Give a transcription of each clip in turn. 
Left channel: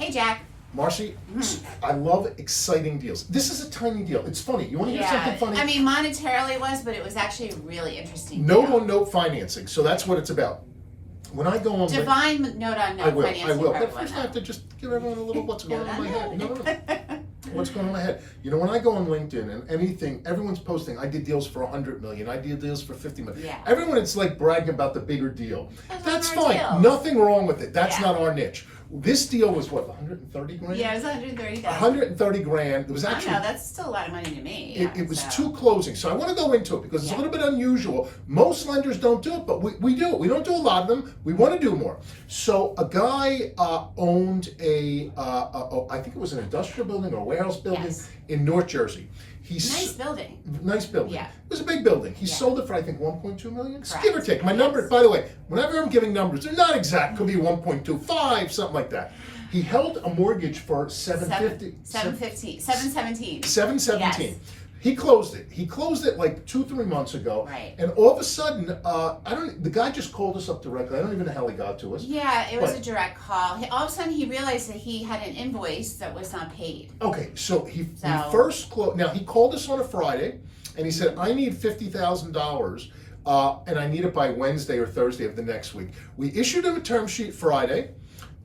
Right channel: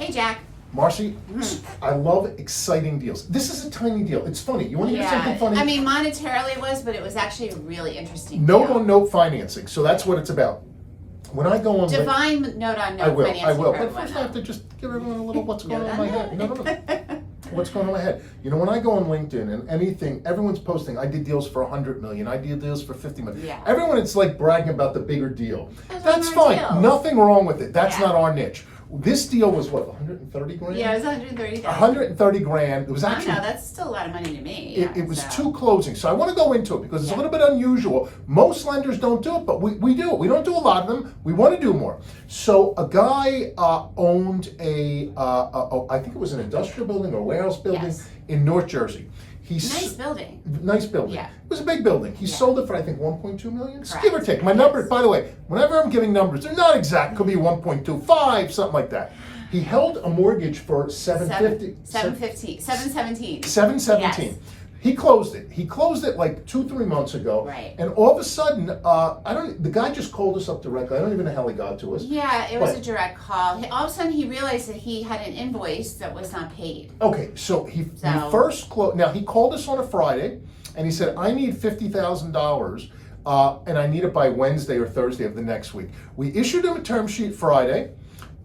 Hey, Jack. Marcy, I love exciting deals. This is a tiny deal. It's funny. You want to hear something funny? I mean, monetarily it was, but it was actually a really interesting Note-on-note financing. So that's what it's about. When I go on... Divine note-on-note financing. I will. But first I have to just give everyone a little what's going on in my head. No. What's going on in my head? You know, when I go on LinkedIn and anything, everyone's posting, I did deals for 100 million, I did deals for 50 million. Yeah. Everyone, it's like bragging about the bigger deal. That's fine. Deals. Nothing wrong with it. That's not our niche. This deal was what, 130 grand? Yeah, it was 130,000. 130 grand. It was actually... I know, that's still a lot of money to me. It was two closings. So I want to go into it because it's a little bit unusual. Most lenders don't do it, but we do it. We don't do a lot of them. We want to do more. So a guy owned I think it was an industrial building or a warehouse building in North Jersey. Nice building. Nice building. Yeah. It was a big building. He sold it for, I think, 1.2 million. Correct. Give or take. My numbers, by the way, whenever I'm giving numbers, they're not exact. Could be 1.25, something like that. He held a mortgage for 717. 717. Yes. He closed it. He closed it like 2-3 months ago. Right. And all of a sudden, the guy just called us up directly. I don't even know how he got to us. Yeah, it was a direct call. All of a sudden he realized that he had an invoice that was not paid. Okay, so he first closed. Now he called us on a Friday, and he said, "I need $50,000, and I need it by Wednesday or Thursday of the next week." We issued him a term sheet Friday,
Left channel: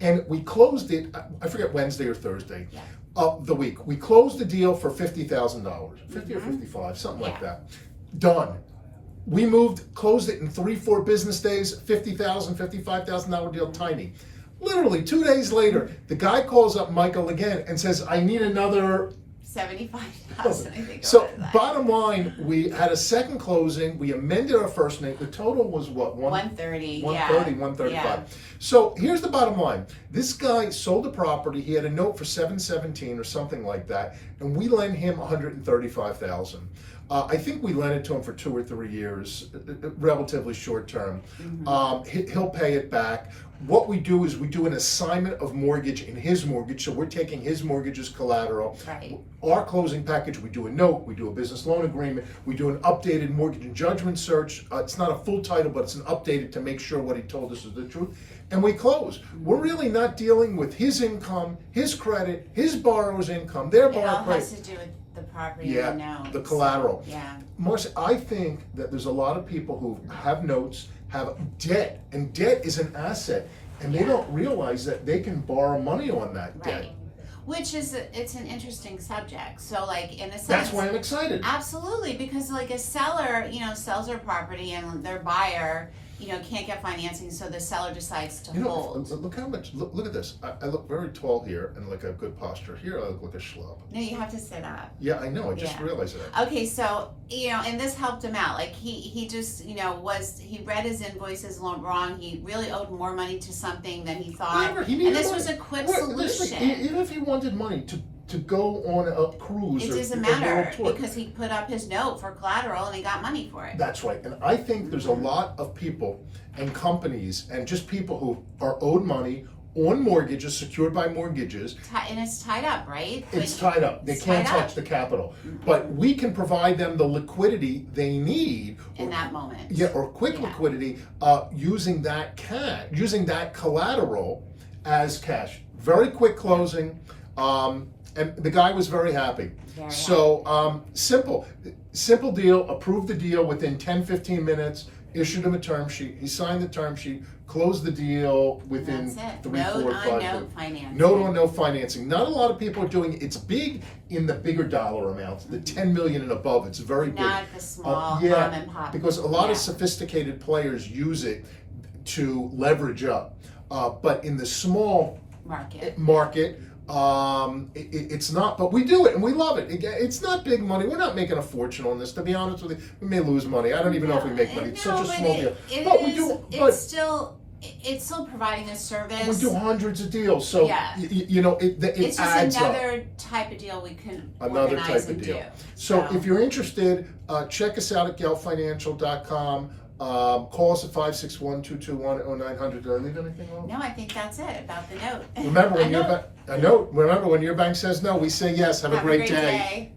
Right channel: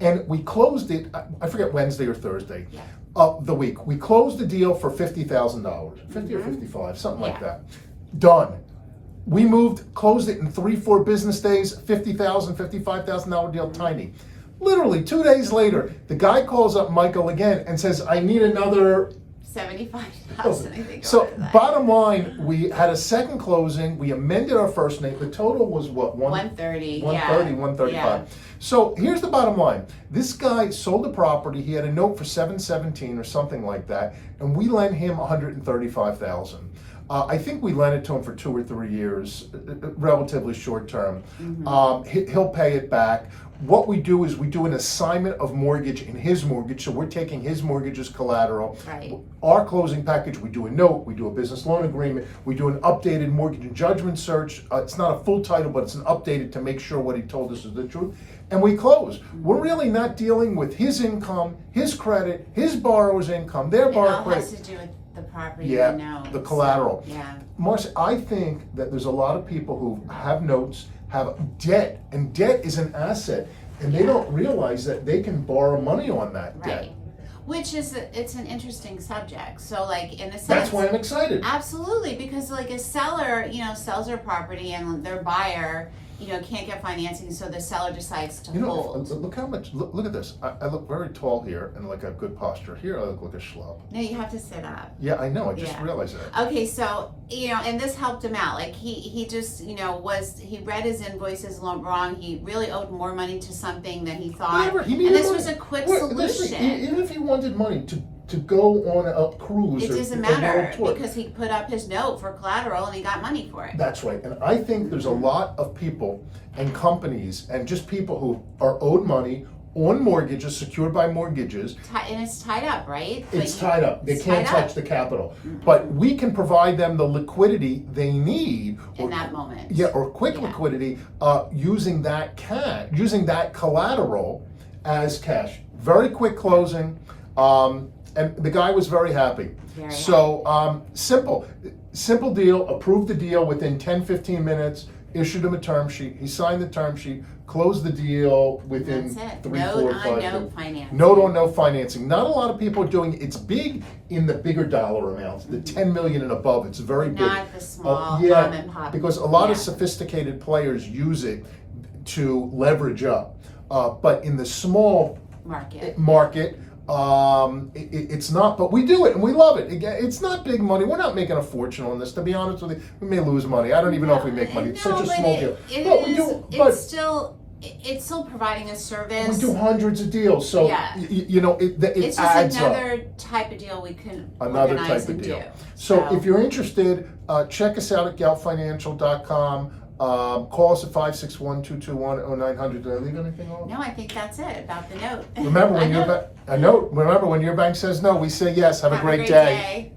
and we closed it. I forget Wednesday or Thursday. Yeah. Of the week. We closed the deal for $50,000, 50 or 55, something like that. Done. We closed it in 3-4 business days, $50,000, $55,000 deal, tiny. Literally 2 days later, the guy calls up Michael again and says, "I need another 75,000, I think. So bottom line, we had a second closing. We amended our first name. The total was what? 130. 135. Yeah. So here's the bottom line. This guy sold the property. He had a note for 717 or something like that, and we lent him 135,000. I think we lent it to him for 2 or 3 years, relatively short term. He'll pay it back. What we do is we do an assignment of mortgage in his mortgage, so we're taking his mortgage as collateral. Right. Our closing package, we do a note, we do a business loan agreement, we do an updated mortgage and judgment search. It's not a full title, but it's an updated to make sure what he told us is the truth. And we close. We're really not dealing with his income, his credit, his borrower's income, their borrower's credit. It all has to do with the property and the note. The collateral. So, Marcia, I think that there's a lot of people who have notes, have debt, and debt is an asset, and they don't realize that they can borrow money on that debt. Which is, it's an interesting subject. So like in a sense. That's why I'm excited. Absolutely, because like a seller, sells their property and their buyer, can't get financing, so the seller decides to hold. Look how much, look at this. I look very tall here and like a good posture. Here I look like a schlub. No, you have to sit up. Yeah, I know. I just realized that. Okay, so, and this helped him out. Like he just, he read his invoices wrong. He really owed more money to something than he thought. Whatever, and this was a quick solution. Even if he wanted money to go on a cruise. It doesn't matter because he put up his note for collateral and he got money for it. That's right. And I think there's a lot of people and companies and just people who are owed money on mortgages, secured by mortgages. And it's tied up, right? It's tied up. They can't touch the capital. But we can provide them the liquidity they need. In that moment. Yeah, or quick liquidity using that collateral as cash. Very quick closing. And the guy was very happy. Simple deal, approved the deal within 10-15 minutes, issued him a term sheet. He signed the term sheet, closed the deal within 3, 4, 5 Note financing. Note financing. Not a lot of people are doing it. It's big in the bigger dollar amounts, the 10 million and above. It's very big. Not the small mom and pop. Because a lot of sophisticated players use it to leverage up. But in the small market, it's not, but we do it and we love it. It's not big money. We're not making a fortune on this, to be honest with you. We may lose money. I don't even know if we make money. It's such a small deal. It's still providing a service. We do hundreds of deals, so it's just adds another up. Type of deal we can Another organize type of and deal. do. So if you're interested, check us out at geltfinancial.com. Call us at 561-221-0900. Did I leave anything off? No, I think that's it about the note. Remember when your bank says no, we say yes. Have a great day.